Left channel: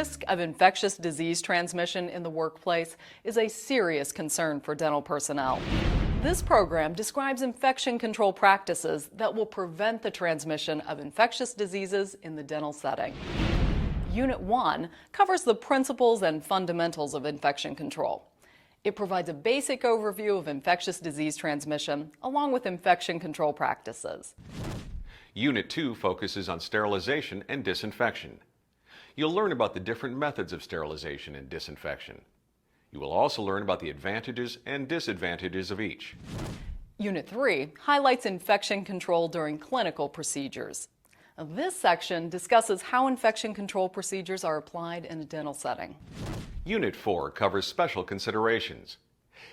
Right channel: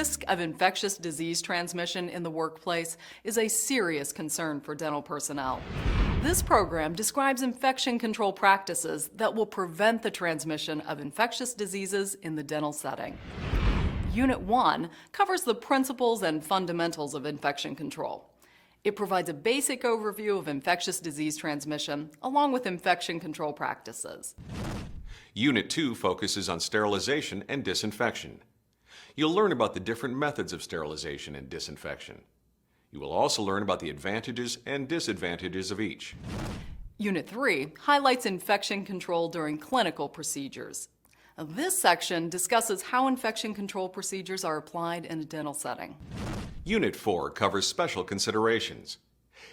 risk of infectious disease transmission in the workplace is a serious concern for dental personnel. This program describes infection control practices that will prevent the transmission of infectious diseases in the dental setting. Unit 1 covers the principles and fundamentals of infection control. It provides a basic overview of infectious disease transmission along with infection control practices. Unit 2 focuses on sterilization and disinfection. You'll learn about the different methods of sterilization and disinfection. You will also learn about the advantages and disadvantages of each. Unit 3 highlights infection control during clinical procedures. This section discusses how infection control procedures are applied in a dental setting. Unit 4 covers special considerations.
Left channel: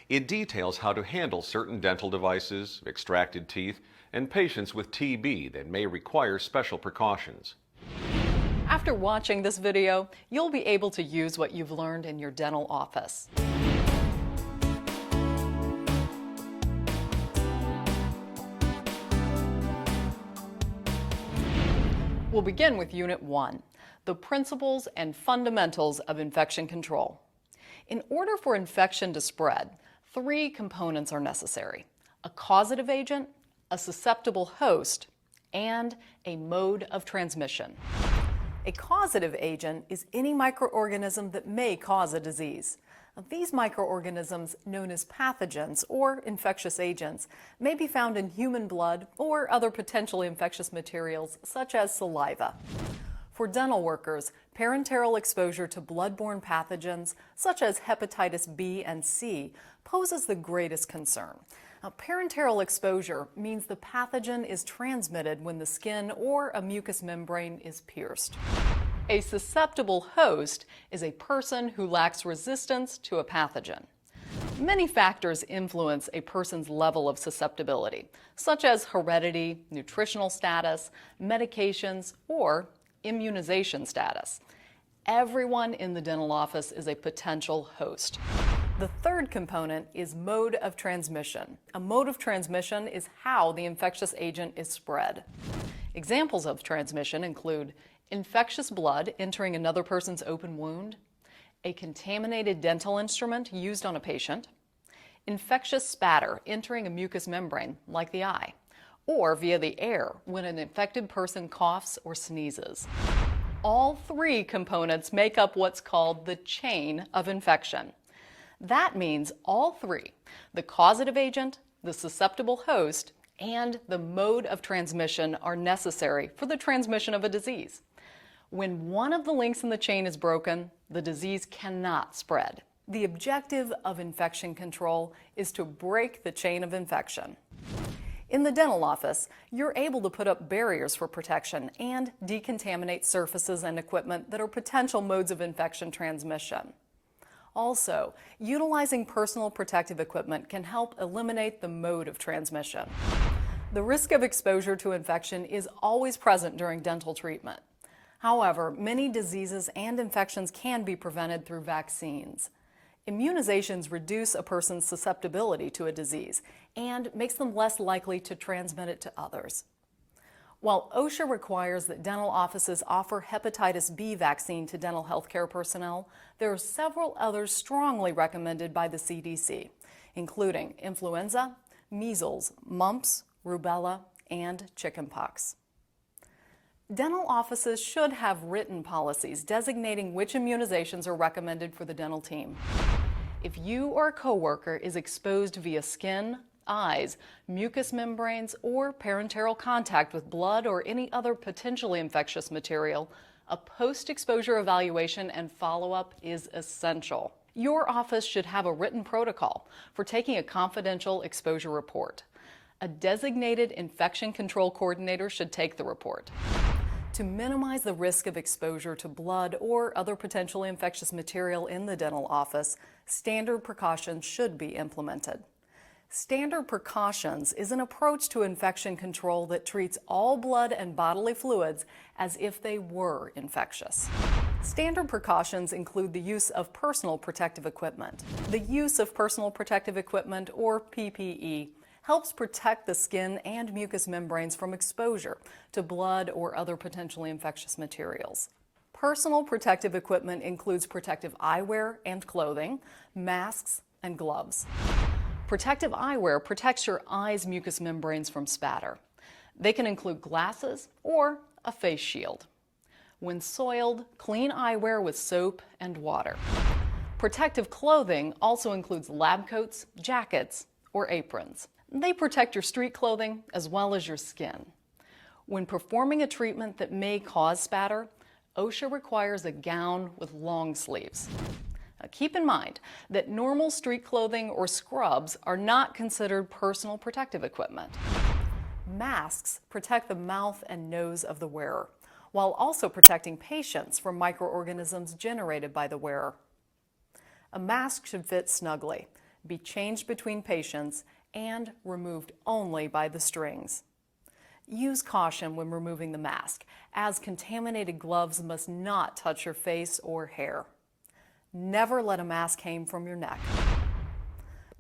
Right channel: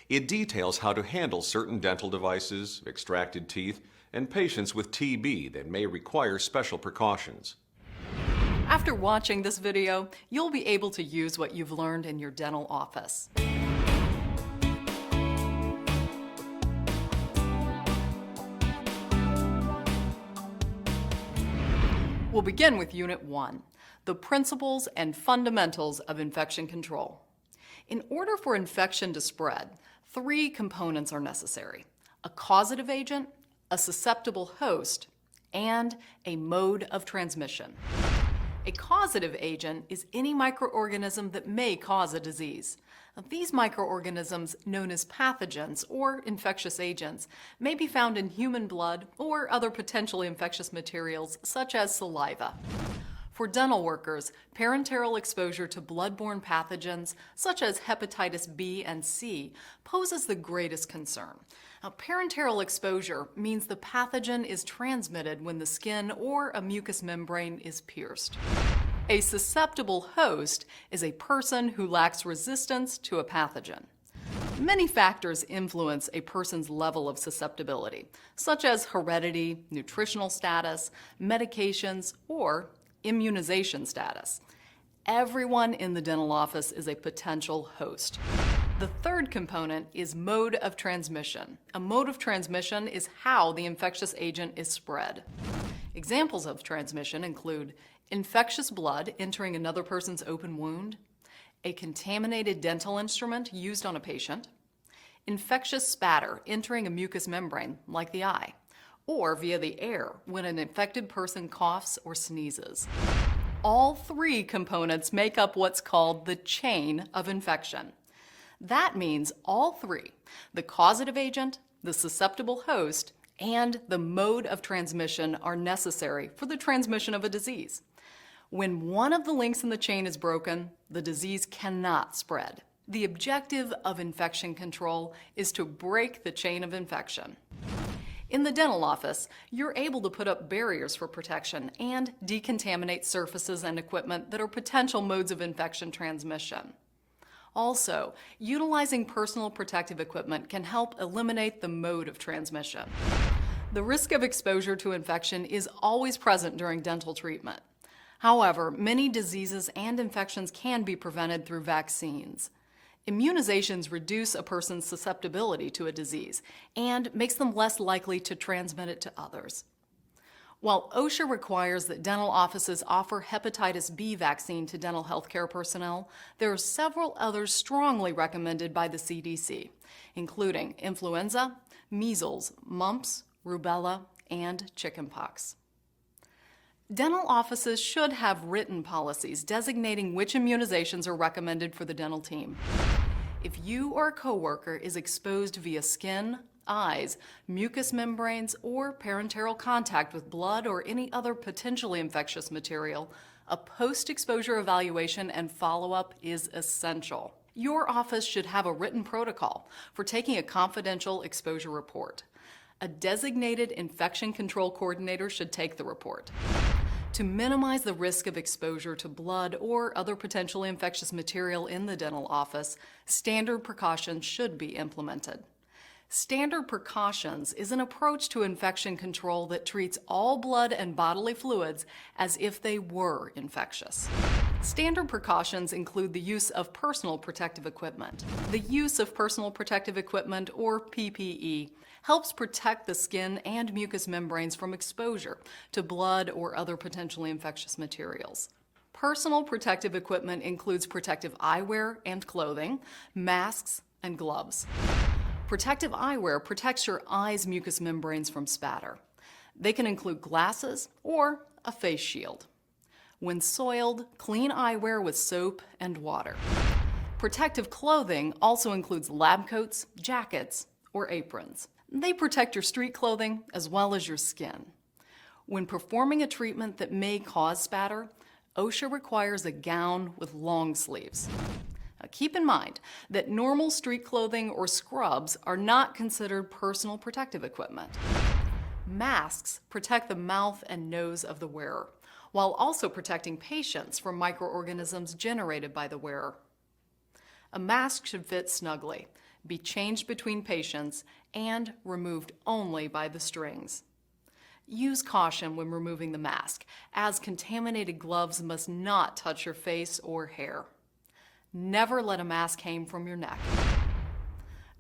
It details how to handle certain dental devices, extracted teeth, and patients with TB that may require special precautions. After watching this video, you'll be able to use what you've learned in your dental office. We'll begin with Unit 1, the principles and fundamentals of infection control. In order for infection to spread, 3 components are necessary: a causative agent, a susceptible host, and a mode of transmission. A causative agent is any microorganism that may cause a disease. These microorganisms, known as pathogens or infectious agents, may be found in human blood or other potentially infectious materials such as saliva. For dental workers, parenteral exposure to bloodborne pathogens such as hepatitis B and C poses the greatest concern. Now, parenteral exposure means the pathogen is transmitted when the skin or a mucous membrane is pierced. A susceptible host is a person who lacks resistance to a pathogen. Many factors influence a person's level of susceptibility, such as heredity, nutritional status, medications, or immunization status. Everyone in the dental office is a potential host. The third component is mode of transmission. A mode of transmission is how the infectious agent is spread. Examples of transmission include infectious blood entering another person's open wound, a contaminated dental instrument used on a patient, infectious spatter entering a mucous membrane, like the eye, or via the air when an infected person coughs or sneezes. All 3 components make up what's called the chain of infection. That means all 3, the causative agent, the susceptible host, and the mode of transmission, are necessary for the transmission of a disease. When one of the links in the chain is broken, the disease cannot spread. The objective of infection control is to break the chain of infection. In the dental office, you're able to put up barriers for protection and decontaminate surfaces and equipment that are potential modes of infection transmission. Also, utilizing personal protective equipment can help eliminate the mode of transmission. The risk of exposure to infection is always present during dental treatment. However, many diseases and infections can be prevented through vaccines. Immunizations reduce a person's susceptibility to a disease and makes them less likely to transmit it to others. While OSHA requires that dental offices offer hepatitis B vaccine to dental healthcare personnel, there are several others strongly recommended by the CDC, including influenza, measles, mumps, rubella, and chickenpox. Dental offices should have written policies designating which immunizations are recommended for the dental team. If you or a coworker is exposed via skin, eyes, mucous membranes, or parenteral contact with blood or any other potentially infectious material, a post-exposure evaluation and follow-up is essential. Your office should have a written protocol for taking a confidential exposure report. A designated infection control coordinator should take the report. To minimize the risk of exposure to blood or other potentially infectious material in the dental office, standard precautions should be implemented. Standard precautions is an approach to infection control that treats all blood and bodily fluids as if they were infectious. Standard precautions include the use of personal protective equipment. The use of personal protective equipment, or PPE, helps protect the skin and mucous membranes from exposure to blood or other potentially infectious materials. Personal protective equipment includes protective eyewear and clothing, masks, and gloves. Protective eyewear protects your eye's mucous membranes from spatter. They can include glasses or a face shield. When soiled, clean eyewear with soap and water. Protective clothing also includes lab coats, jackets, or aprons. They protect your street clothing as well as your skin. When performing a treatment that may cause spatter, OSHA requires a gown with long sleeves. Now, keep in mind that normal street clothing or scrubs are not considered personal protective equipment. Masks protect the mouth and nose of the wearer, while also protecting patients from microorganisms generated by the wearer. A mask should fit snugly, be changed between patients, and removed only by the strings. Use caution when removing the mask, as contaminated gloves must not touch your face or hair. Never let a mask hang from your neck.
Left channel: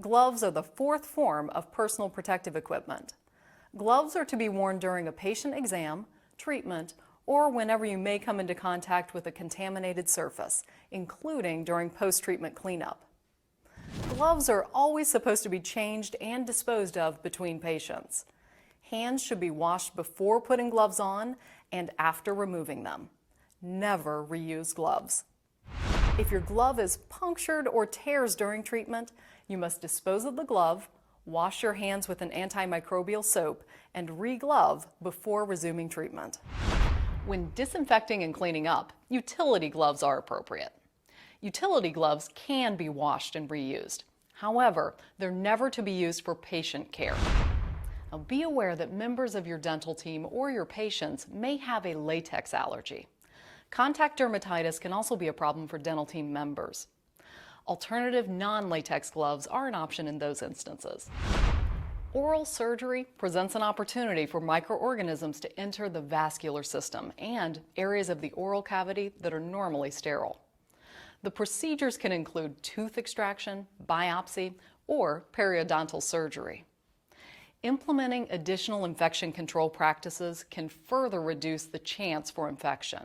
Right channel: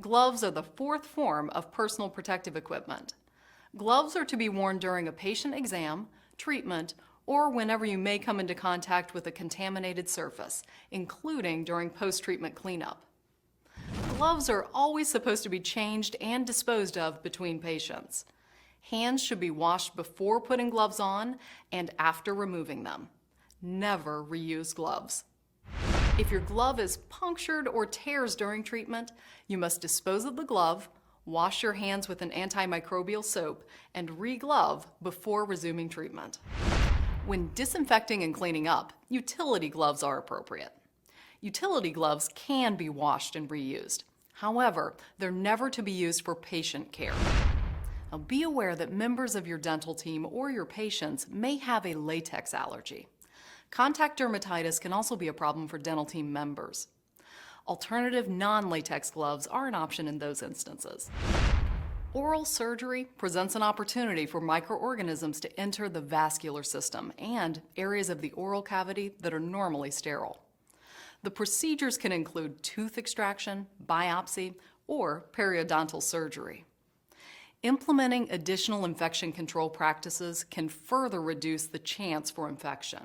Gloves are the fourth form of personal protective equipment. Gloves are to be worn during a patient exam, treatment, or whenever you may come into contact with a contaminated surface, including during post-treatment cleanup. Gloves are always supposed to be changed and disposed of between patients. Hands should be washed before putting gloves on and after removing them. Never reuse gloves. If your glove is punctured or tears during treatment, you must dispose of the glove, wash your hands with an antimicrobial soap, and re-glove before resuming treatment. When disinfecting and cleaning up, utility gloves are appropriate. Utility gloves can be washed and reused. However, they're never to be used for patient care. Now, be aware that members of your dental team or your patients may have a latex allergy. Contact dermatitis can also be a problem for dental team members. Alternative non-latex gloves are an option in those instances. Oral surgery presents an opportunity for microorganisms to enter the vascular system and areas of the oral cavity that are normally sterile. The procedures can include tooth extraction, biopsy, or periodontal surgery. Implementing additional infection control practices can further reduce the chance for infection.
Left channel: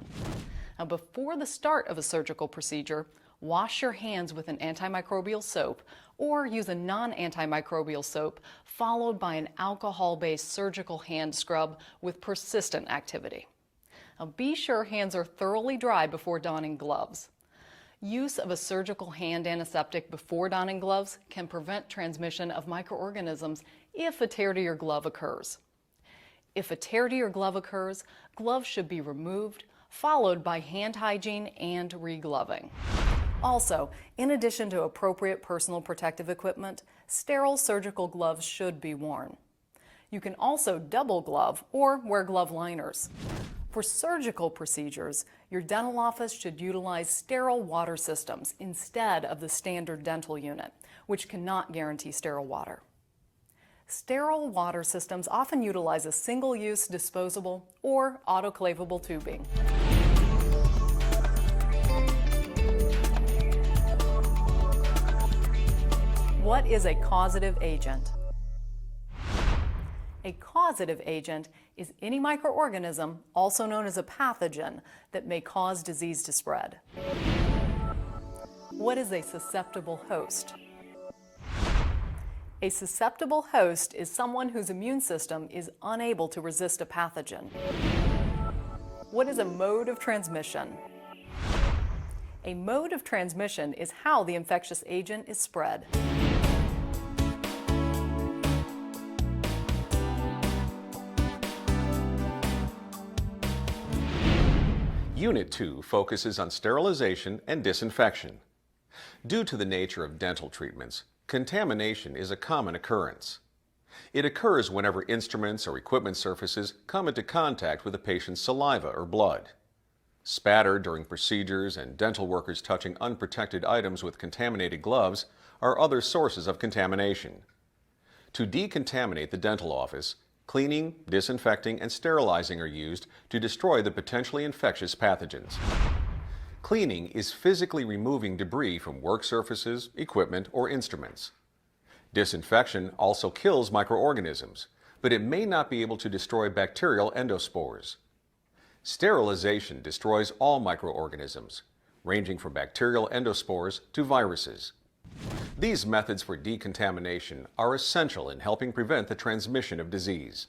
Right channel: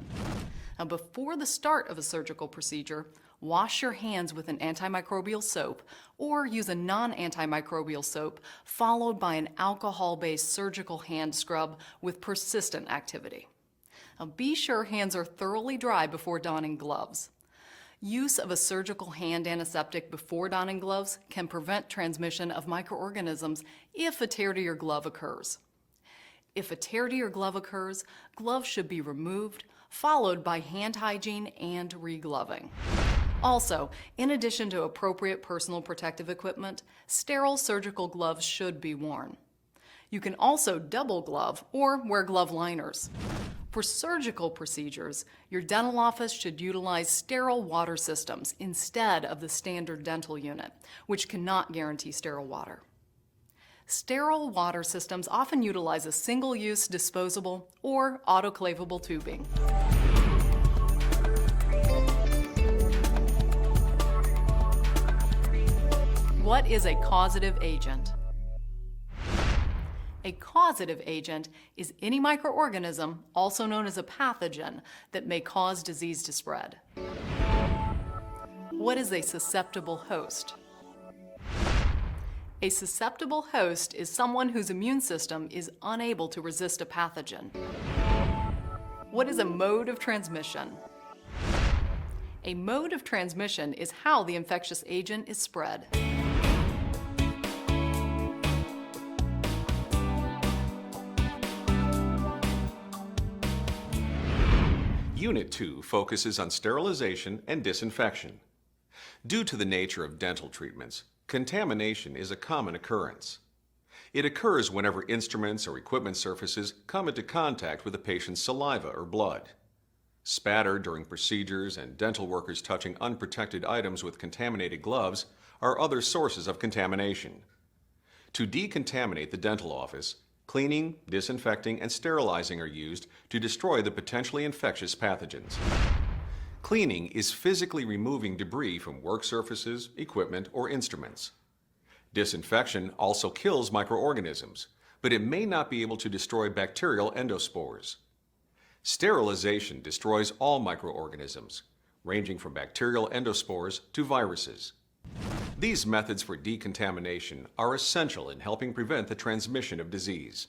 Now, before the start of a surgical procedure, wash your hands with an antimicrobial soap or use a non-antimicrobial soap followed by an alcohol-based surgical hand scrub with persistent activity. Now, be sure hands are thoroughly dry before donning gloves. Use of a surgical hand antiseptic before donning gloves can prevent transmission of microorganisms if a tear to your glove occurs. If a tear to your glove occurs, gloves should be removed, followed by hand hygiene and re-gloving. Also, in addition to appropriate personal protective equipment, sterile surgical gloves should be worn. You can also double glove or wear glove liners. For surgical procedures, your dental office should utilize sterile water systems instead of the standard dental unit, which cannot guarantee sterile water. Sterile water systems often utilize a single-use disposable or autoclavable tubing. What is a causative agent? A causative agent is any microorganism, also known as a pathogen, that may cause disease to spread. What is a susceptible host? A susceptible host is someone whose immune system is unable to resist a pathogen. What is a mode of transmission? A mode of transmission is how the infectious agent is spread. Unit 2 focuses on sterilization and disinfection. Due to the nature of dental treatments, contamination is a common occurrence. It occurs whenever instruments or equipment surfaces come into contact with a patient's saliva or blood. Spatter during procedures and dental workers touching unprotected items with contaminated gloves are other sources of contamination. To decontaminate the dental office, cleaning, disinfecting, and sterilizing are used to destroy the potentially infectious pathogens. Cleaning is physically removing debris from work surfaces, equipment, or instruments. Disinfection also kills microorganisms, but it may not be able to destroy bacterial endospores. Sterilization destroys all microorganisms, ranging from bacterial endospores to viruses. These methods for decontamination are essential in helping prevent the transmission of disease.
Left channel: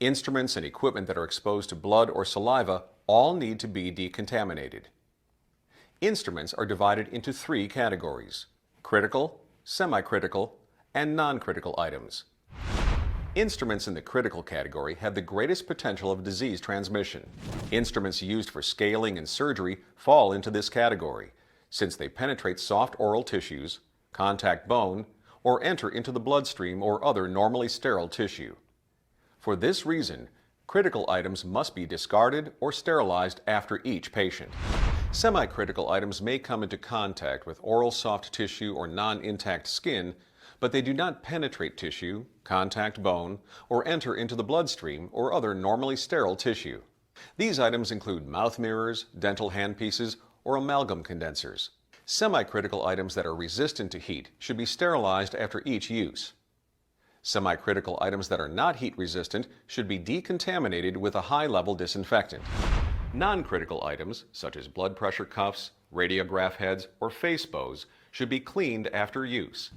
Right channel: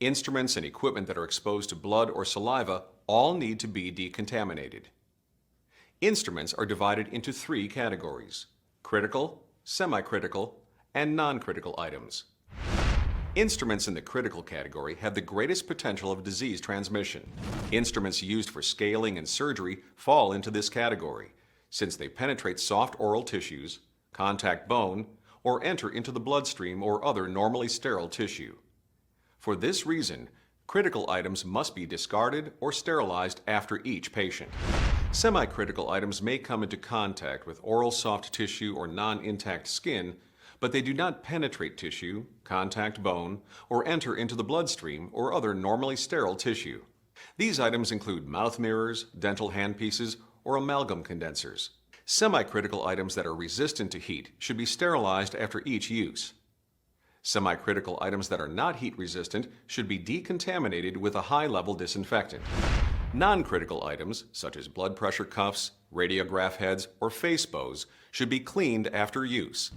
Instruments and equipment that are exposed to blood or saliva all need to be decontaminated. Instruments are divided into three categories: critical, semi-critical, and non-critical items. Instruments in the critical category have the greatest potential of disease transmission. Instruments used for scaling and surgery fall into this category, since they penetrate soft oral tissues, contact bone, or enter into the bloodstream or other normally sterile tissue. For this reason, critical items must be discarded or sterilized after each patient. Semi-critical items may come into contact with oral soft tissue or non-intact skin, but they do not penetrate tissue, contact bone, or enter into the bloodstream or other normally sterile tissue. These items include mouth mirrors, dental handpieces, or amalgam condensers. Semi-critical items that are resistant to heat should be sterilized after each use. Semi-critical items that are not heat resistant should be decontaminated with a high-level disinfectant. Non-critical items, such as blood pressure cuffs, radiograph heads, or face bows, should be cleaned after use.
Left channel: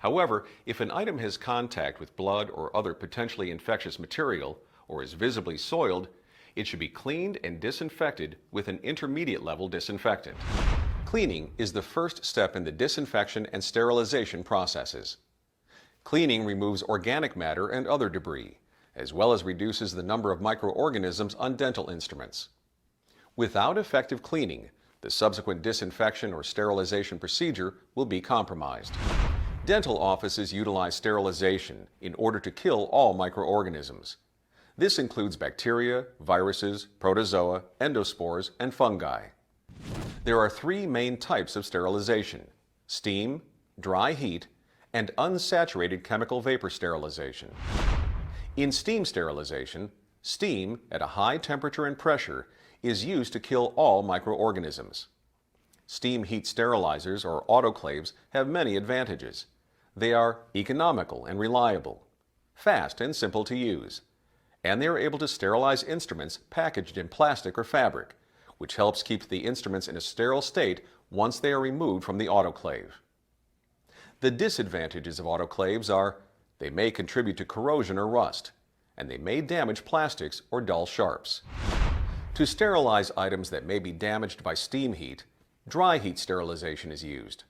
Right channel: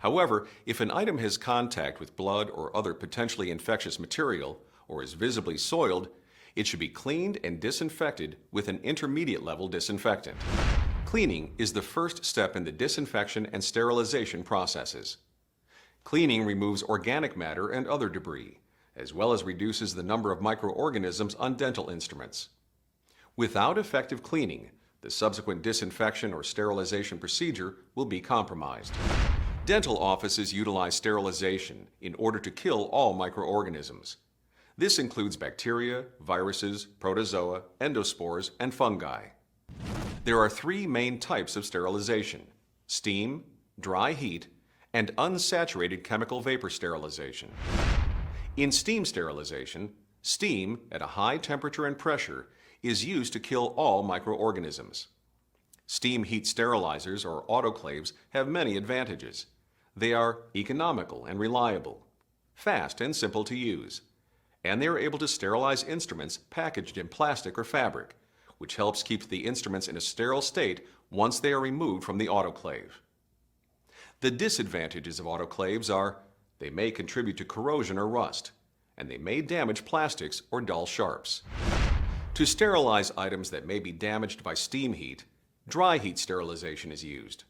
However, if an item has contact with blood or other potentially infectious material, or is visibly soiled, it should be cleaned and disinfected with an intermediate-level disinfectant. Cleaning is the first step in the disinfection and sterilization processes. Cleaning removes organic matter and other debris, as well as reduces the number of microorganisms on dental instruments. Without effective cleaning, the subsequent disinfection or sterilization procedure will be compromised. Dental offices utilize sterilization in order to kill all microorganisms. This includes bacteria, viruses, protozoa, endospores, and fungi. There are three main types of sterilization: steam, dry heat, and unsaturated chemical vapor sterilization. In steam sterilization, steam at a high temperature and pressure is used to kill all microorganisms. Steam heat sterilizers or autoclaves have many advantages. They are economical and reliable, fast and simple to use, and they are able to sterilize instruments packaged in plastic or fabric, which helps keep the instruments in a sterile state once they are removed from the autoclave. The disadvantages of autoclaves are they may contribute to corrosion or rust, and they may damage plastics or dull sharps. To sterilize items that may be damaged by steam heat, dry heat sterilization is used.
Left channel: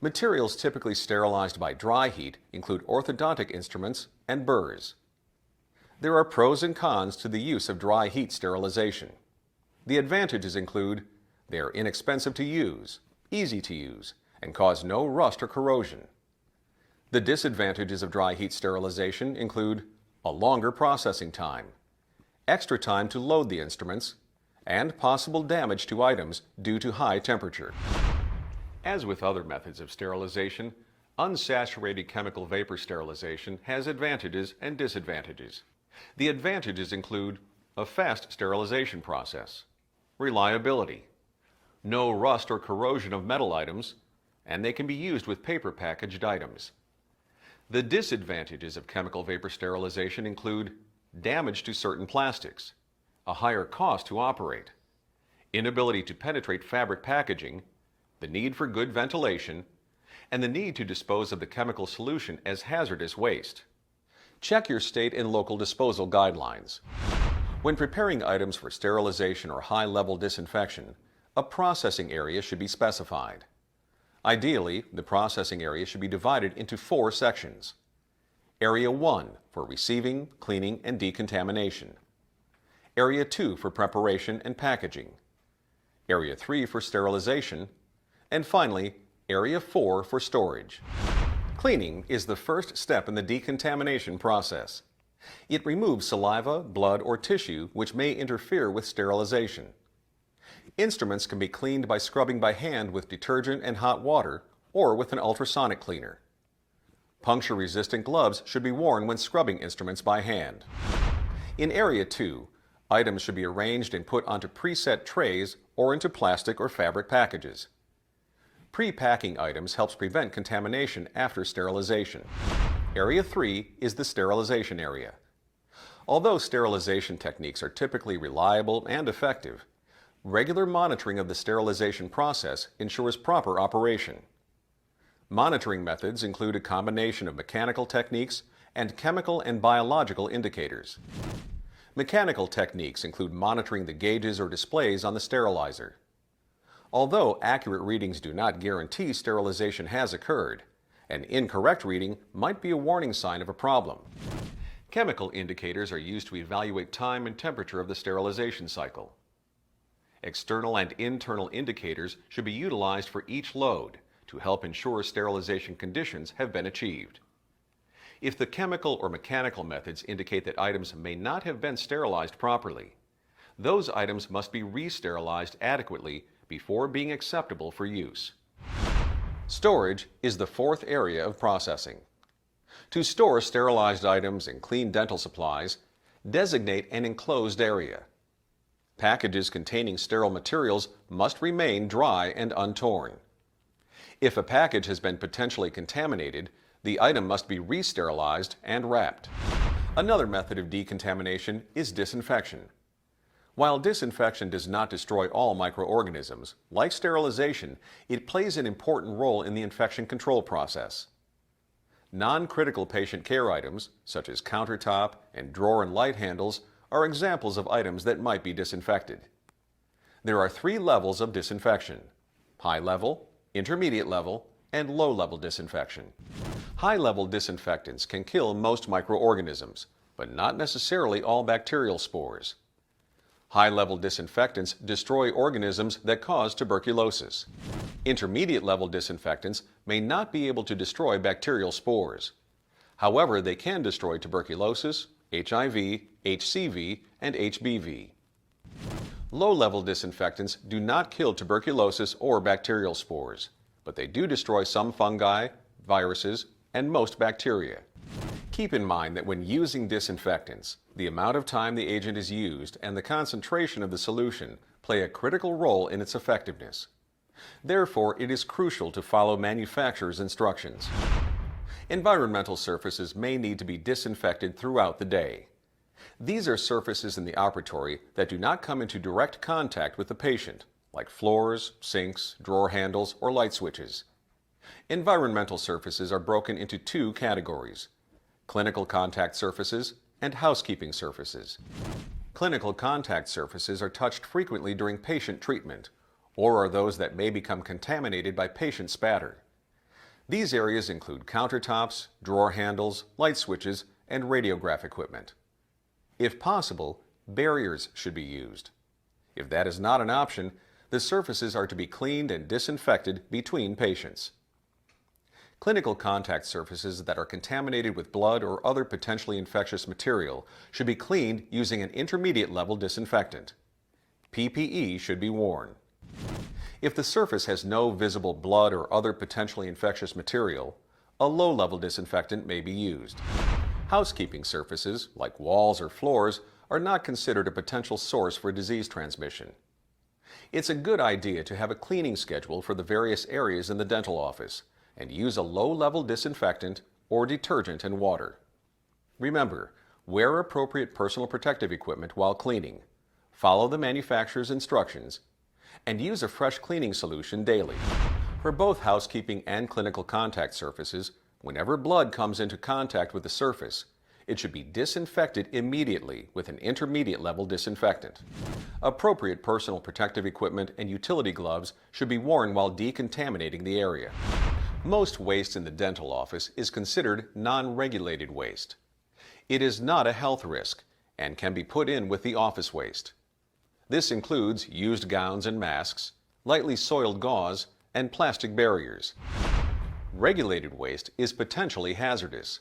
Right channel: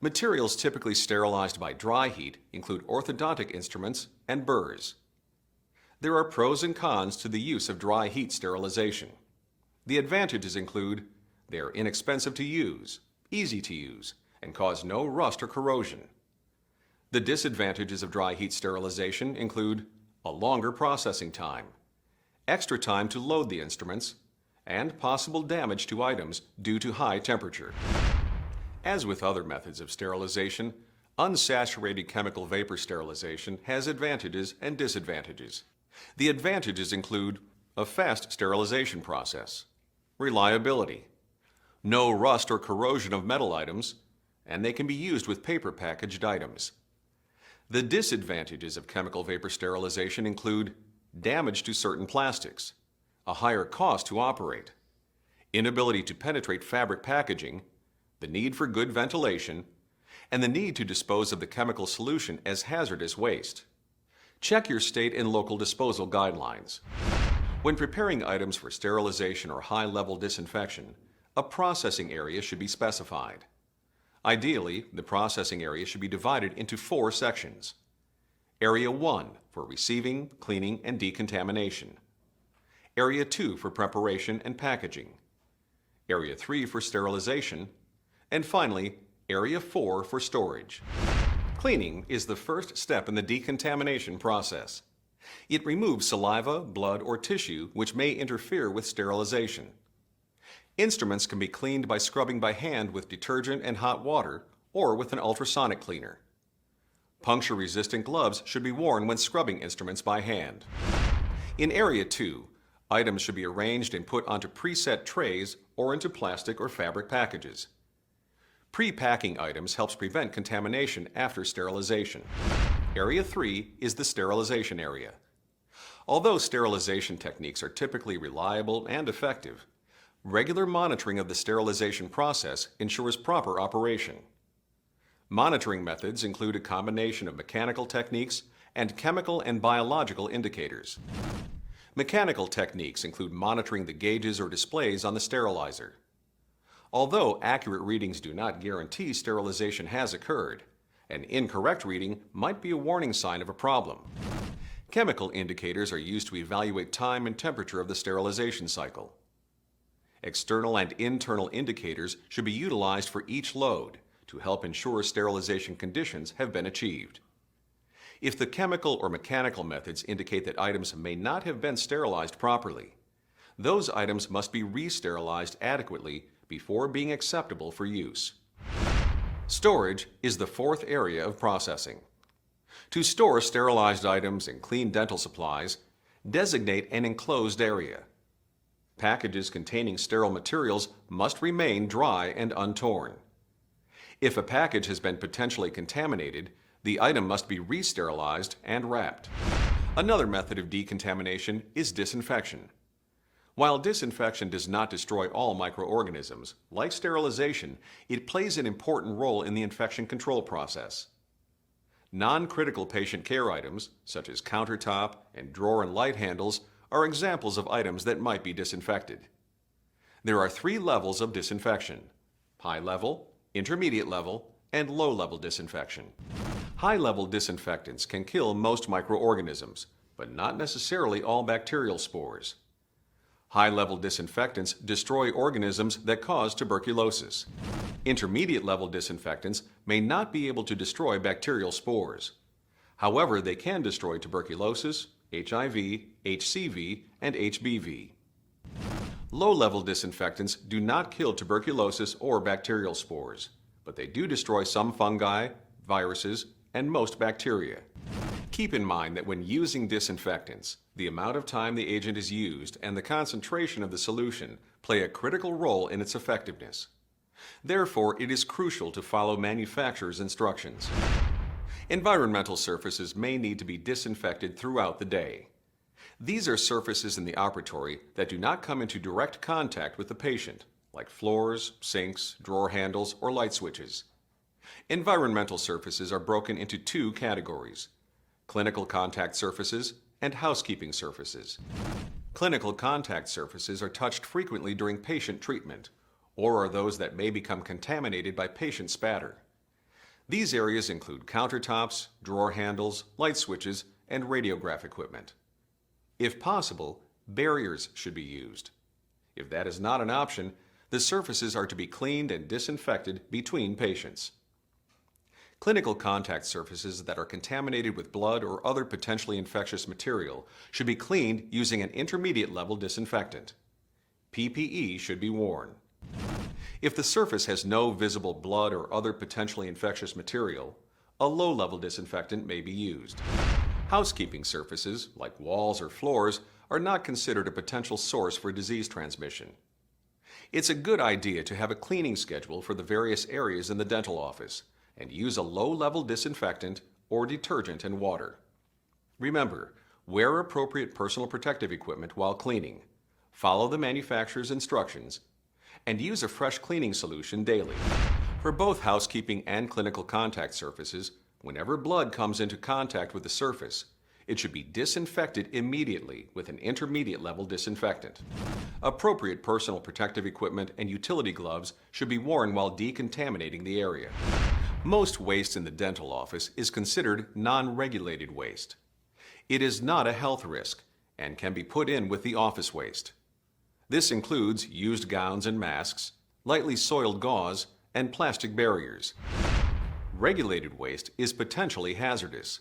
Materials typically sterilized by dry heat include orthodontic instruments and burrs. There are pros and cons to the use of dry heat sterilization. The advantages include they are inexpensive to use, easy to use, and cause no rust or corrosion. The disadvantages of dry heat sterilization include a longer processing time, extra time to load the instruments, and possible damage to items due to high temperature. As with other methods of sterilization, unsaturated chemical vapor sterilization has advantages and disadvantages. The advantages include a fast sterilization process, reliability, no rust or corrosion of metal items, and they can be used with paper packaged items. The disadvantages of chemical vapor sterilization include damage to certain plastics, a higher cost to operate, inability to penetrate fabric packaging, the need for good ventilation, and the need to dispose of the chemical solution as hazardous waste. Check your state and local disposal guidelines. When preparing items for sterilization or high-level disinfection, a processing area should be specified. Ideally, the processing area should be divided into 4 sections. Area 1 for receiving, cleaning, and decontamination. Area 2 for preparation and packaging. Area 3 for sterilization. And finally, Area 4 for storage. Cleaning is the first step in the decontamination process. It removes saliva, blood, or tissue which may interfere with sterilization. Instruments can be cleaned by scrubbing by hand with detergent and hot water or with an ultrasonic cleaner. Puncture-resistant gloves should be worn when scrubbing instruments by hand. In Area 2, items should be arranged and put onto preset trays or into plastic or fabric packages. Pre-packing items helps prevent contamination after sterilization. Area 3 is the sterilization area. Although sterilization techniques are typically reliable and effective, regular monitoring of the sterilization process ensures proper operation. Monitoring methods include a combination of mechanical techniques and chemical and biological indicators. Mechanical techniques include monitoring the gauges or displays on the sterilizer. Although accurate readings do not guarantee sterilization has occurred, an incorrect reading might be a warning sign of a problem. Chemical indicators are used to evaluate time and temperature of the sterilization cycle. External and internal indicators should be utilized for each load to help ensure sterilization conditions have been achieved. If the chemical or mechanical methods indicate that items may not have been sterilized properly, those items must be re-sterilized adequately before being acceptable for use. Storage is the fourth area of processing. To store sterilized items and clean dental supplies, designate an enclosed area. Packages containing sterile materials must remain dry and untorn. If a package has been potentially contaminated, the item must be re-sterilized and wrapped. Another method of decontamination is disinfection. While disinfection does not destroy all microorganisms, like sterilization, it plays an important role in the infection control process. Non-critical patient care items, such as countertop and drawer and light handles, are examples of items that might be disinfected. There are 3 levels of disinfection: high level, intermediate level, and low level disinfection. High level disinfectants can kill most microorganisms, but not necessarily all bacterial spores. High level disinfectants destroy organisms that cause tuberculosis. Intermediate level disinfectants may not be able to destroy bacterial spores. However, they can destroy tuberculosis, HIV, HCV, and HBV. Low-level disinfectants do not kill tuberculosis or bacterial spores, but they do destroy some fungi, viruses, and most bacteria. Keep in mind that when using disinfectants, the amount of time the agent is used and the concentration of the solution play a critical role in its effectiveness. Therefore, it is crucial to follow manufacturer's instructions. Environmental surfaces may need to be disinfected throughout the day. These are surfaces in the operatory that do not come into direct contact with the patient, like floors, sinks, drawer handles, or light switches. Environmental surfaces are broken into 2 categories: clinical contact surfaces and housekeeping surfaces. Clinical contact surfaces are touched frequently during patient treatment, or are those that may become contaminated by patient spatter. These areas include countertops, drawer handles, light switches, and radiograph equipment. If possible, barriers should be used. If that is not an option, the surfaces are to be cleaned and disinfected between patients. Clinical contact surfaces that are contaminated with blood or other potentially infectious material should be cleaned using an intermediate level disinfectant. PPE should be worn. If the surface has no visible blood or other potentially infectious material, a low-level disinfectant may be used. Housekeeping surfaces, like walls or floors, are not considered a potential source for disease transmission. It's a good idea to have a cleaning schedule for the various areas in the dental office and use a low-level disinfectant or detergent and water. Remember, wear appropriate personal protective equipment while cleaning, follow the manufacturer's instructions, and use a fresh cleaning solution daily. For both housekeeping and clinical contact surfaces, whenever blood comes into contact with the surface, it should be disinfected immediately with an intermediate level disinfectant. Appropriate personal protective equipment and utility gloves should be worn while decontaminating the area. Most waste in the dental office is considered non-regulated waste. It is not a health risk and can be put in with the office waste. This includes used gowns and masks, lightly soiled gauze, and plastic barriers. Regulated waste is potentially hazardous.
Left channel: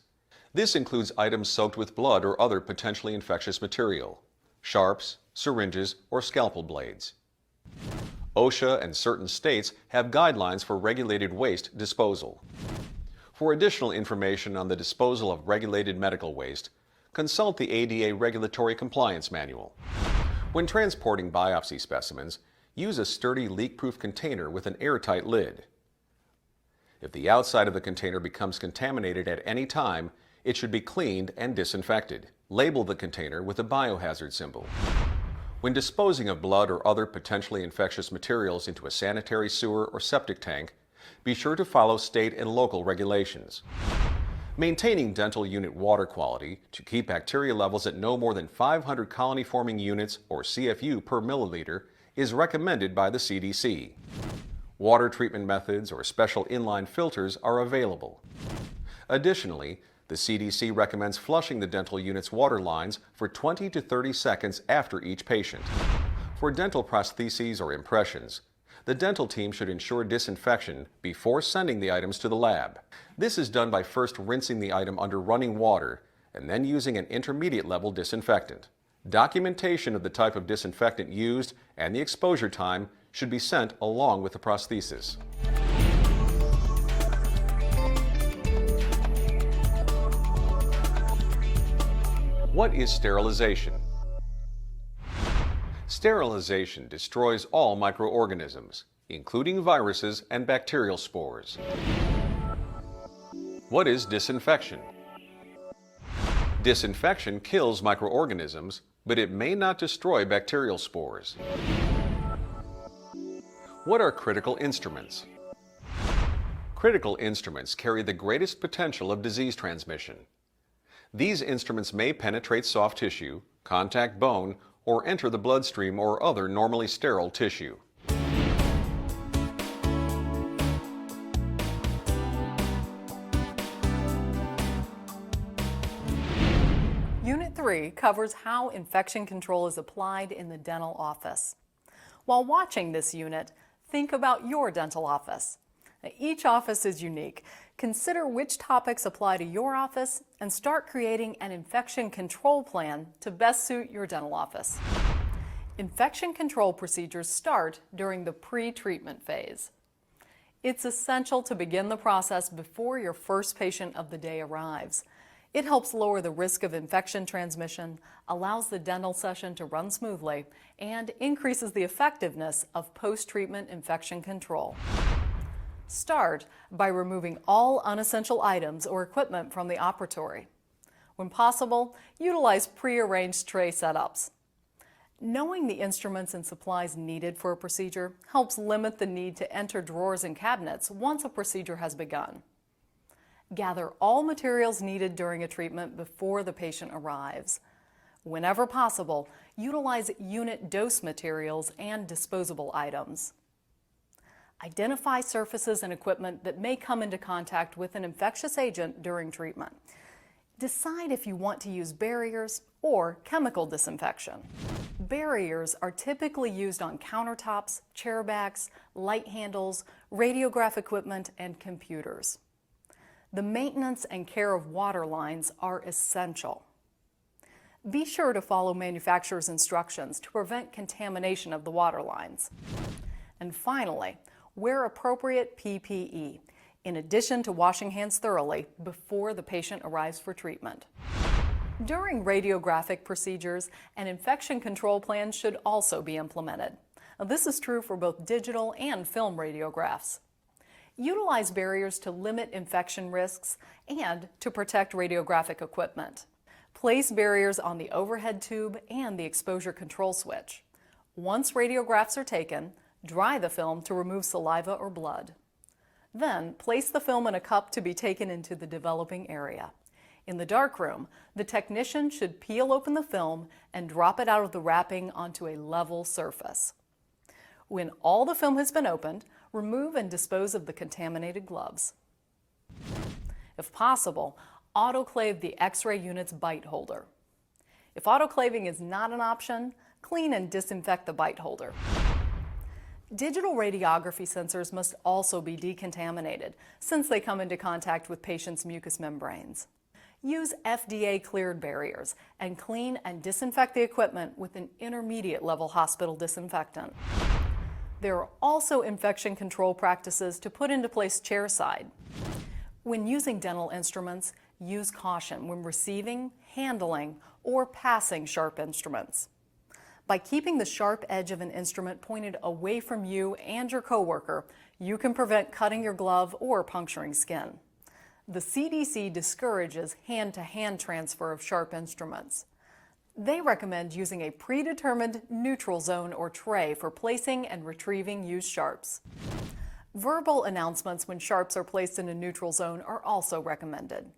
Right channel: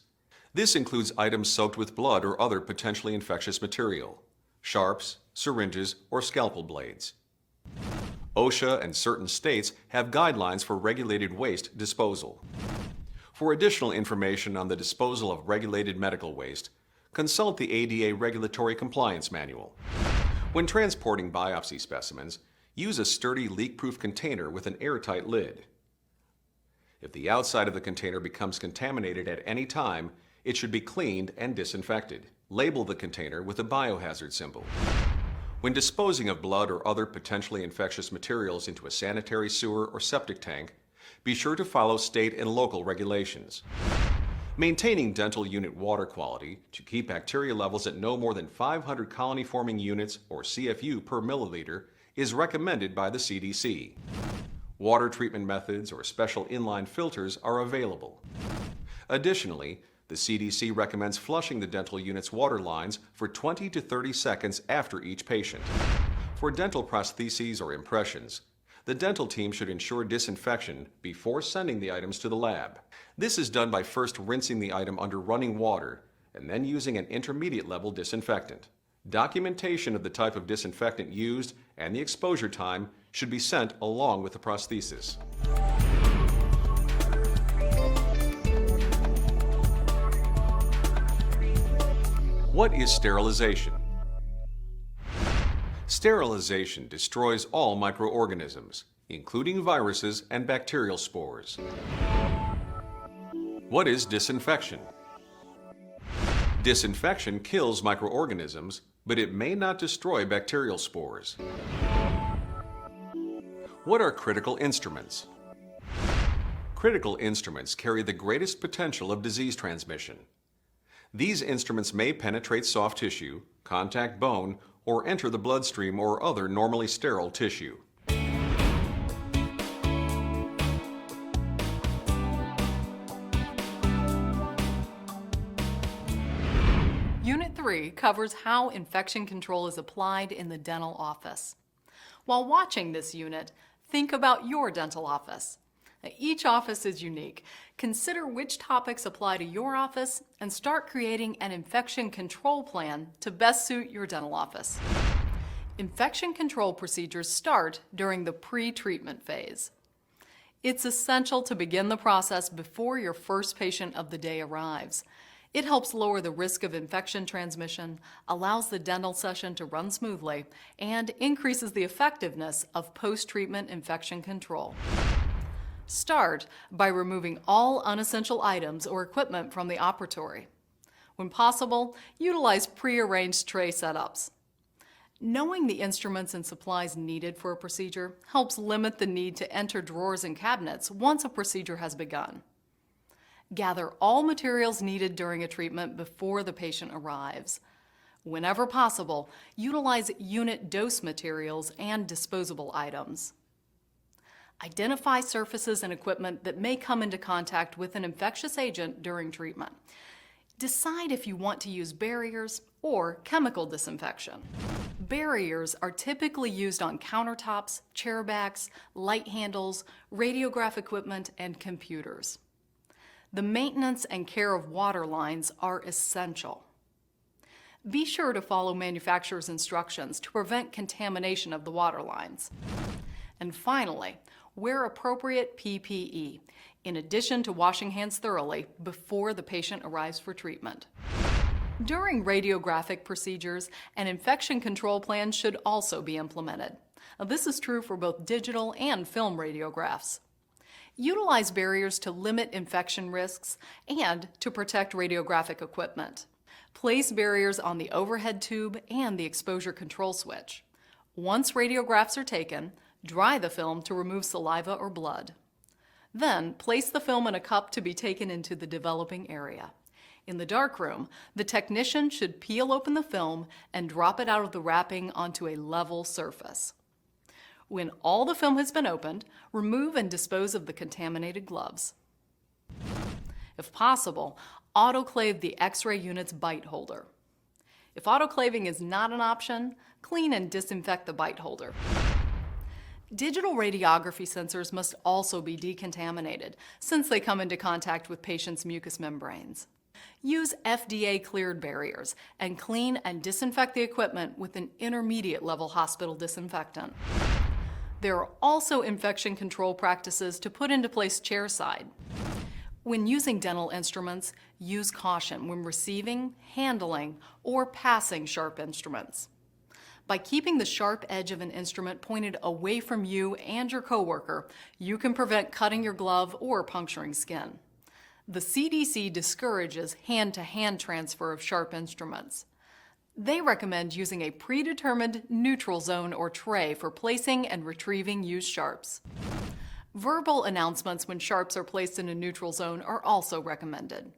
This includes items soaked with blood or other potentially infectious material, sharps, syringes, or scalpel blades. OSHA and certain states have guidelines for regulated waste disposal. For additional information on the disposal of regulated medical waste, consult the ADA Regulatory Compliance Manual. When transporting biopsy specimens, use a sturdy leak-proof container with an airtight lid. If the outside of the container becomes contaminated at any time, it should be cleaned and disinfected, Label the container with a biohazard symbol. When disposing of blood or other potentially infectious materials into a sanitary sewer or septic tank, be sure to follow state and local regulations. Maintaining dental unit water quality to keep bacteria levels at no more than 500 colony-forming units or CFU per milliliter is recommended by the CDC. Water treatment methods or special inline filters are available. Additionally, the CDC recommends flushing the dental unit's water lines for 20 to 30 seconds after each patient. For dental prostheses or impressions, the dental team should ensure disinfection before sending the items to the lab. This is done by first rinsing the item under running water and then using an intermediate level disinfectant. Documentation of the type of disinfectant used and the exposure time should be sent along with the prosthesis. What is sterilization? Sterilization destroys all microorganisms, including viruses and bacterial spores. What is disinfection? Disinfection kills microorganisms, but it may not destroy bacterial spores. What are critical instruments? Critical instruments carry the greatest potential of disease transmission. These instruments may penetrate soft tissue, contact bone, or enter the bloodstream or other normally sterile tissue. Unit 3 covers how infection control is applied in the dental office. While watching this unit, think about your dental office. Each office is unique. Consider which topics apply to your office and start creating an infection control plan to best suit your dental office. Infection control procedures start during the pre-treatment phase. It's essential to begin the process before your first patient of the day arrives. It helps lower the risk of infection transmission, allows the dental session to run smoothly, and increases the effectiveness of post-treatment infection control. Start by removing all unessential items or equipment from the operatory. When possible, utilize pre-arranged tray setups. Knowing the instruments and supplies needed for a procedure helps limit the need to enter drawers and cabinets once a procedure has begun. Gather all materials needed during a treatment before the patient arrives. Whenever possible, utilize unit dose materials and disposable items. Identify surfaces and equipment that may come into contact with an infectious agent during treatment. Decide if you want to use barriers or chemical disinfection. Barriers are typically used on countertops, chair backs, light handles, radiograph equipment, and computers. The maintenance and care of water lines are essential. Be sure to follow manufacturer's instructions to prevent contamination of the water lines. And finally, wear appropriate PPE, in addition to washing hands thoroughly before the patient arrives for treatment. During radiographic procedures, an infection control plan should also be implemented. This is true for both digital and film radiographs. Utilize barriers to limit infection risks and to protect radiographic equipment. Place barriers on the overhead tube and the exposure control switch. Once radiographs are taken, dry the film to remove saliva or blood. Then, place the film in a cup to be taken into the developing area. In the darkroom, the technician should peel open the film and drop it out of the wrapping onto a level surface. When all the film has been opened, remove and dispose of the contaminated gloves. If possible, autoclave the X-ray unit's bite holder. If autoclaving is not an option, clean and disinfect the bite holder. Digital radiography sensors must also be decontaminated since they come into contact with patients' mucous membranes. Use FDA-cleared barriers and clean and disinfect the equipment with an intermediate-level hospital disinfectant. There are also infection control practices to put into place chairside. When using dental instruments, use caution when receiving, handling, or passing sharp instruments. By keeping the sharp edge of an instrument pointed away from you and your coworker, you can prevent cutting your glove or puncturing skin. The CDC discourages hand-to-hand transfer of sharp instruments. They recommend using a predetermined neutral zone or tray for placing and retrieving used sharps. Verbal announcements when sharps are placed in a neutral zone are also recommended.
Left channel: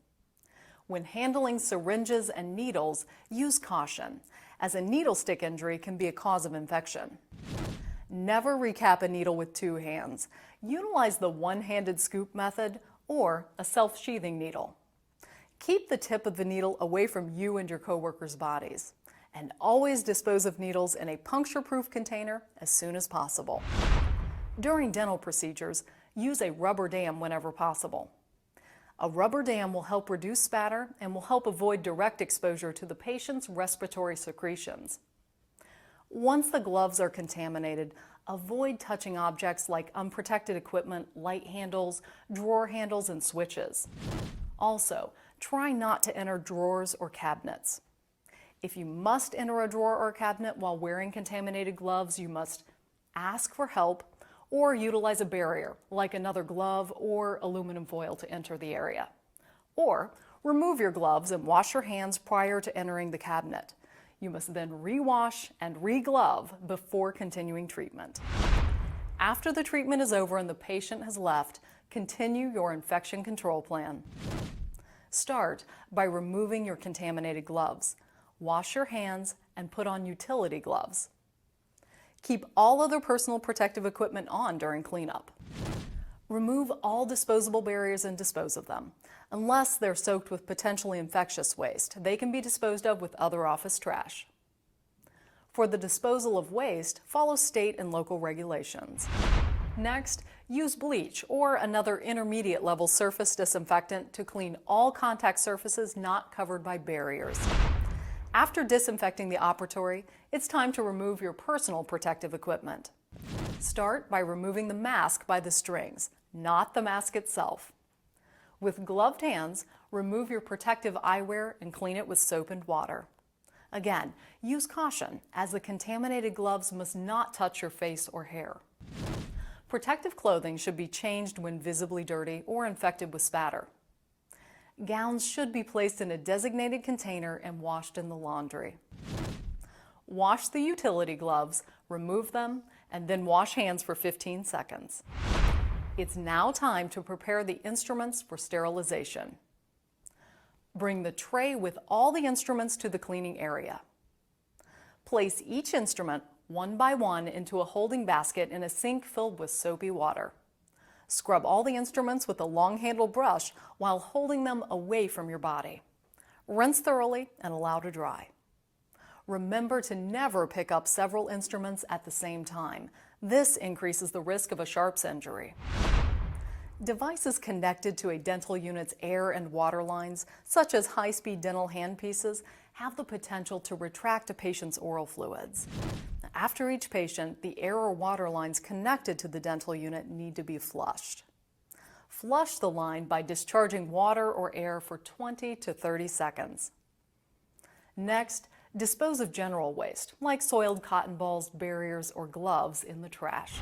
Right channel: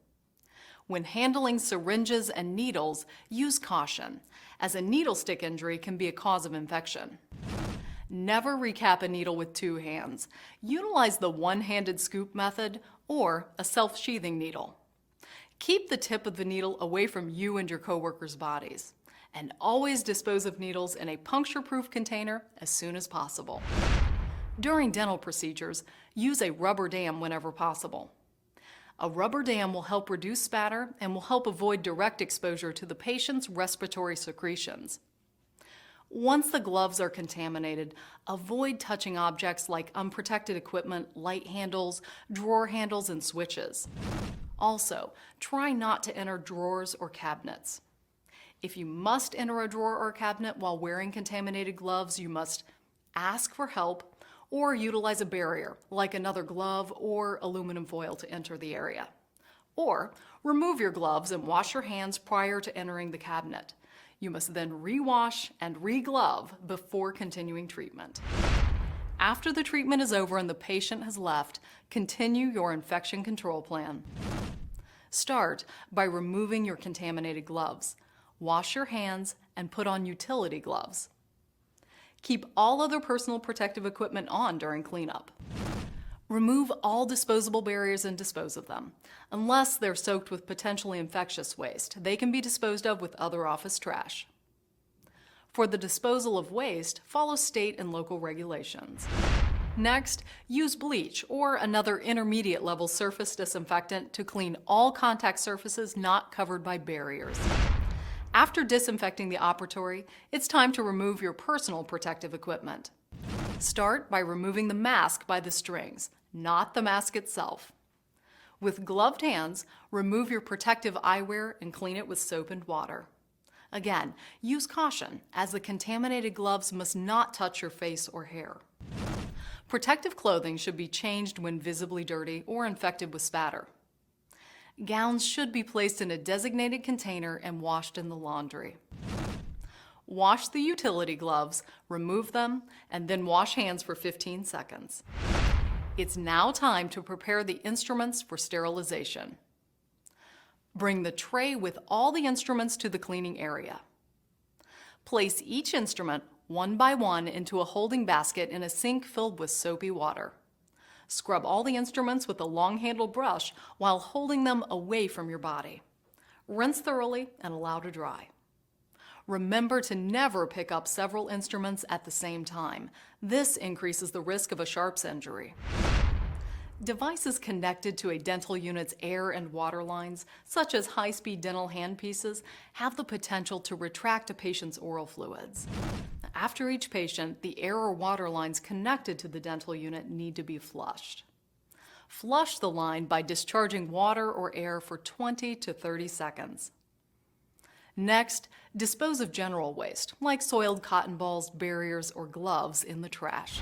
When handling syringes and needles, use caution, as a needle stick injury can be a cause of infection. Never recap a needle with two hands. Utilize the one-handed scoop method or a self-sheathing needle. Keep the tip of the needle away from you and your coworkers' bodies, and always dispose of needles in a puncture-proof container as soon as possible. During dental procedures, use a rubber dam whenever possible. A rubber dam will help reduce spatter and will help avoid direct exposure to the patient's respiratory secretions. Once the gloves are contaminated, avoid touching objects like unprotected equipment, light handles, drawer handles, and switches. Also, try not to enter drawers or cabinets. If you must enter a drawer or cabinet while wearing contaminated gloves, you must ask for help or utilize a barrier, like another glove or aluminum foil to enter the area. Or remove your gloves and wash your hands prior to entering the cabinet. You must then rewash and re-glove before continuing treatment. After the treatment is over and the patient has left, continue your infection control plan. Start by removing your contaminated gloves. Wash your hands and put on utility gloves. Keep all other personal protective equipment on during cleanup. Remove all disposable barriers and dispose of them. Unless they're soaked with potentially infectious waste, they can be disposed of with other office trash. For the disposal of waste, follow state and local regulations. Next, use bleach or another intermediate level surface disinfectant to clean all contact surfaces not covered by barriers. After disinfecting the operatory, it's time to remove your personal protective equipment. Start by removing the mask by the strings, not the mask itself. With gloved hands, remove your protective eyewear and clean it with soap and water. Again, use caution, as the contaminated gloves must not touch your face or hair. Protective clothing should be changed when visibly dirty or infected with spatter. Gowns should be placed in a designated container and washed in the laundry. Wash the utility gloves, remove them, and then wash hands for 15 seconds. It's now time to prepare the instruments for sterilization. Bring the tray with all the instruments to the cleaning area. Place each instrument one by one into a holding basket in a sink filled with soapy water. Scrub all the instruments with a long-handled brush while holding them away from your body. Rinse thoroughly and allow to dry. Remember to never pick up several instruments at the same time. This increases the risk of a sharps injury. Devices connected to a dental unit's air and water lines, such as high-speed dental handpieces, have the potential to retract a patient's oral fluids. After each patient, the air or water lines connected to the dental unit need to be flushed. Flush the line by discharging water or air for 20 to 30 seconds. Next, dispose of general waste, like soiled cotton balls, barriers, or gloves, in the trash.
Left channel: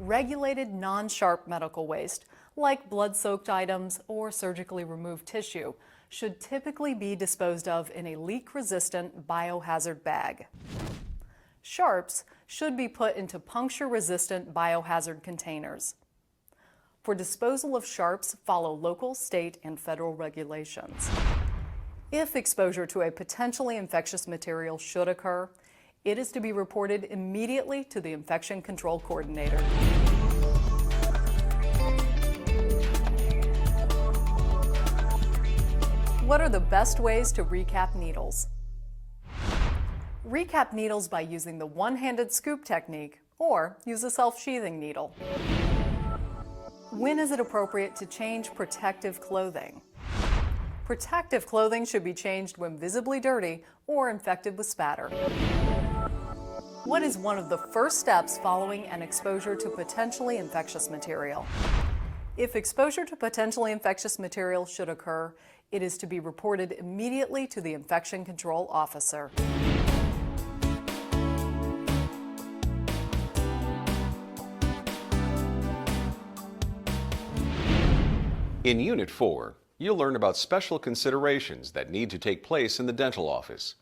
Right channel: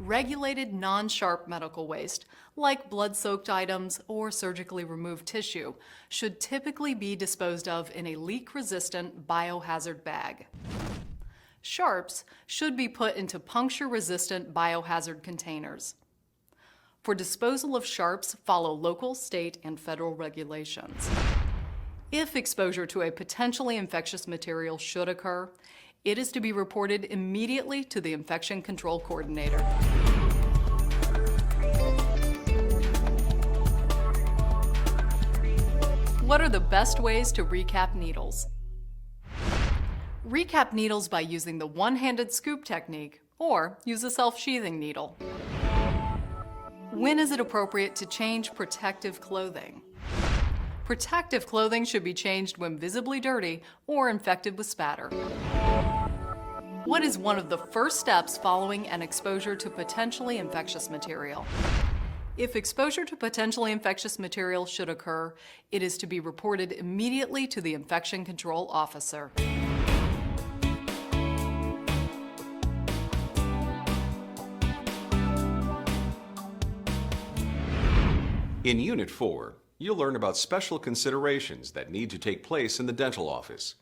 Regulated non-sharp medical waste, like blood-soaked items or surgically removed tissue, should typically be disposed of in a leak-resistant biohazard bag. Sharps should be put into puncture-resistant biohazard containers. For disposal of sharps, follow local, state, and federal regulations. If exposure to a potentially infectious material should occur, it is to be reported immediately to the infection control coordinator. What are the best ways to recap needles? Recap needles by using the one-handed scoop technique or use a self-sheathing needle. When is it appropriate to change protective clothing? Protective clothing should be changed when visibly dirty or infected with spatter. What is one of the first steps following an exposure to potentially infectious material? If exposure to potentially infectious material should occur, it is to be reported immediately to the infection control officer. In Unit 4, you'll learn about special considerations that need to take place in the dental office.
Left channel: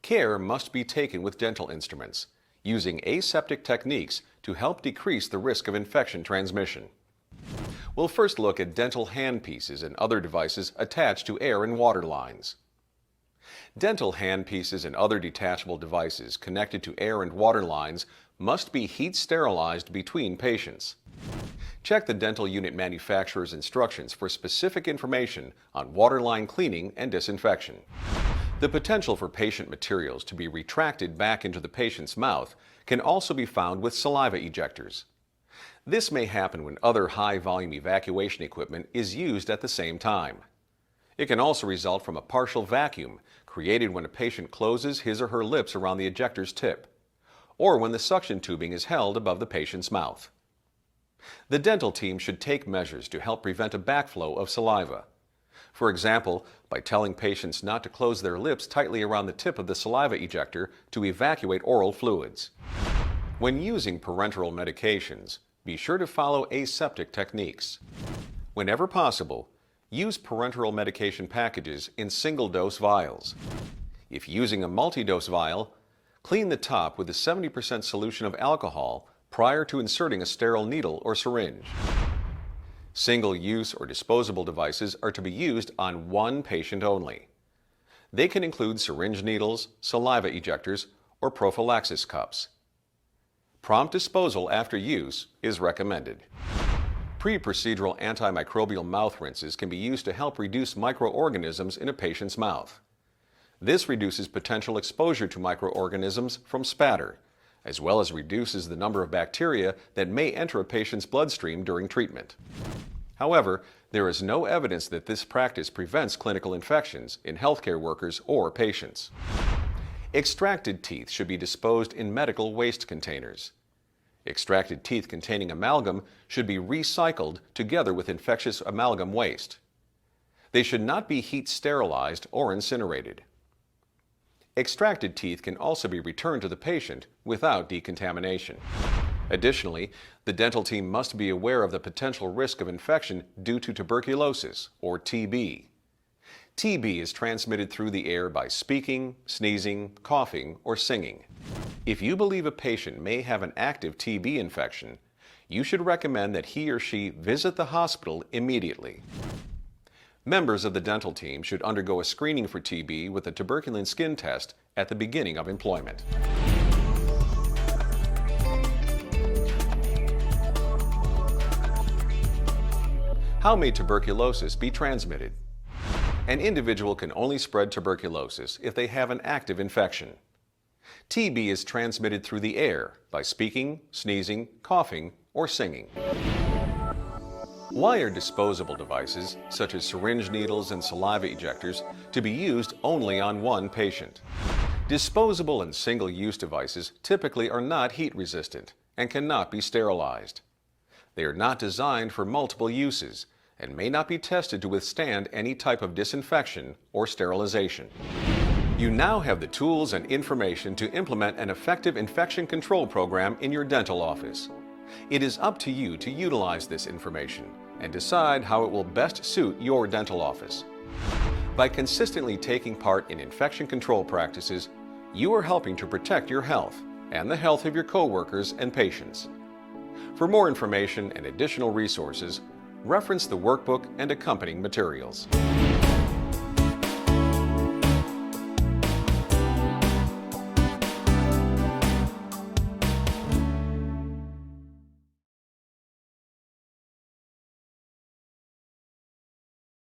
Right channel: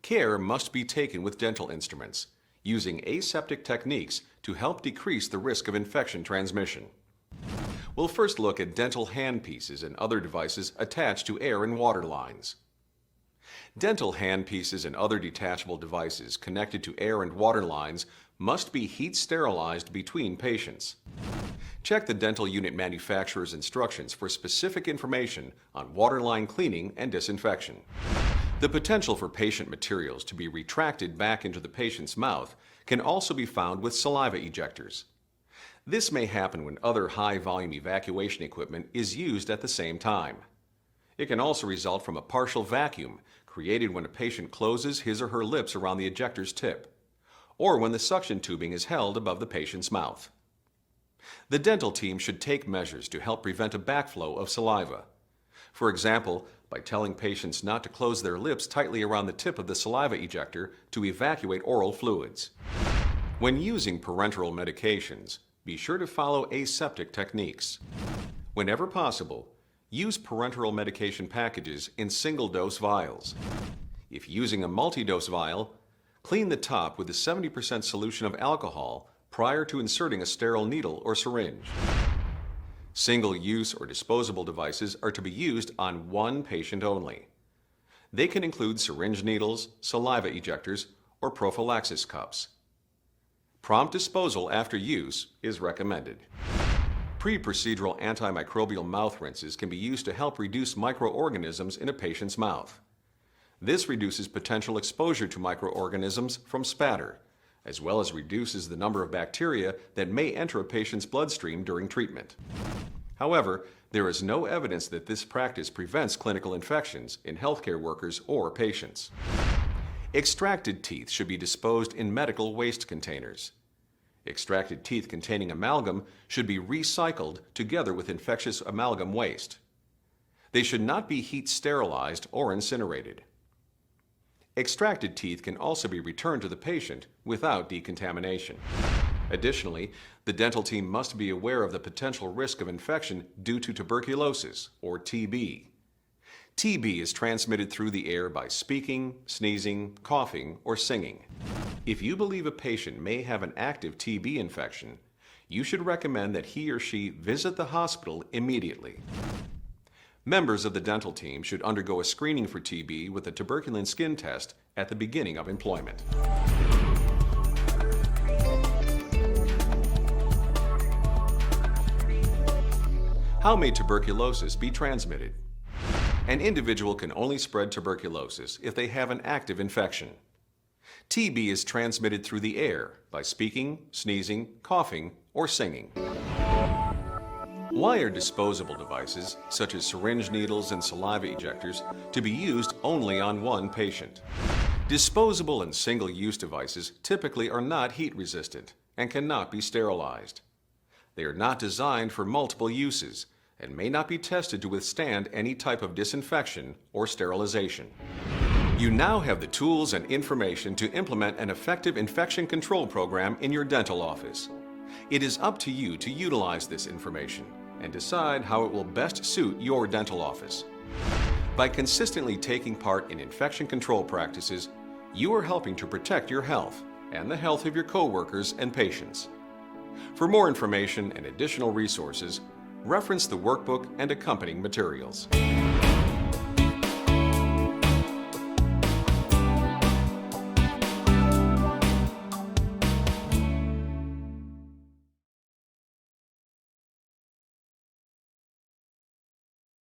Care must be taken with dental instruments, using aseptic techniques to help decrease the risk of infection transmission. We'll first look at dental handpieces and other devices attached to air and water lines. Dental handpieces and other detachable devices connected to air and water lines must be heat sterilized between patients. Check the dental unit manufacturer's instructions for specific information on waterline cleaning and disinfection. The potential for patient materials to be retracted back into the patient's mouth can also be found with saliva ejectors. This may happen when other high-volume evacuation equipment is used at the same time. It can also result from a partial vacuum created when a patient closes his or her lips around the ejector's tip, or when the suction tubing is held above the patient's mouth. The dental team should take measures to help prevent a backflow of saliva. For example, by telling patients not to close their lips tightly around the tip of the saliva ejector to evacuate oral fluids. When using parenteral medications, be sure to follow aseptic techniques. Whenever possible, use parenteral medication packages in single-dose vials. If using a multi-dose vial, clean the top with a 70% solution of alcohol prior to inserting a sterile needle or syringe. Single-use or disposable devices are to be used on one patient only. They can include syringe needles, saliva ejectors, or prophylaxis cups. Prompt disposal after use is recommended. Pre-procedural antimicrobial mouth rinses can be used to help reduce microorganisms in a patient's mouth. This reduces potential exposure to microorganisms from spatter, as well as reduces the number of bacteria that may enter a patient's bloodstream during treatment. However, there is no evidence that this practice prevents clinical infections in healthcare workers or patients. Extracted teeth should be disposed in medical waste containers. Extracted teeth containing amalgam should be recycled together with infectious amalgam waste. They should not be heat sterilized or incinerated. Extracted teeth can also be returned to the patient without decontamination. Additionally, the dental team must be aware of the potential risk of infection due to tuberculosis, or TB. TB is transmitted through the air by speaking, sneezing, coughing, or singing. If you believe a patient may have an active TB infection, you should recommend that he or she visit the hospital immediately. Members of the dental team should undergo a screening for TB with a tuberculin skin test at the beginning of employment. How may tuberculosis be transmitted? An individual can only spread tuberculosis if they have an active infection. TB is transmitted through the air by speaking, sneezing, coughing, or singing. Why are disposable devices, such as syringe needles and saliva ejectors, to be used only on one patient? Disposable and single-use devices typically are not heat resistant and cannot be sterilized. They are not designed for multiple uses and may not be tested to withstand any type of disinfection or sterilization. You now have the tools and information to implement an effective infection control program in your dental office. It is up to you to utilize this information and decide how it will best suit your dental office. By consistently taking part in infection control practices, you are helping to protect your health and the health of your coworkers and patients. For more information and additional resources, reference the workbook and accompanying materials.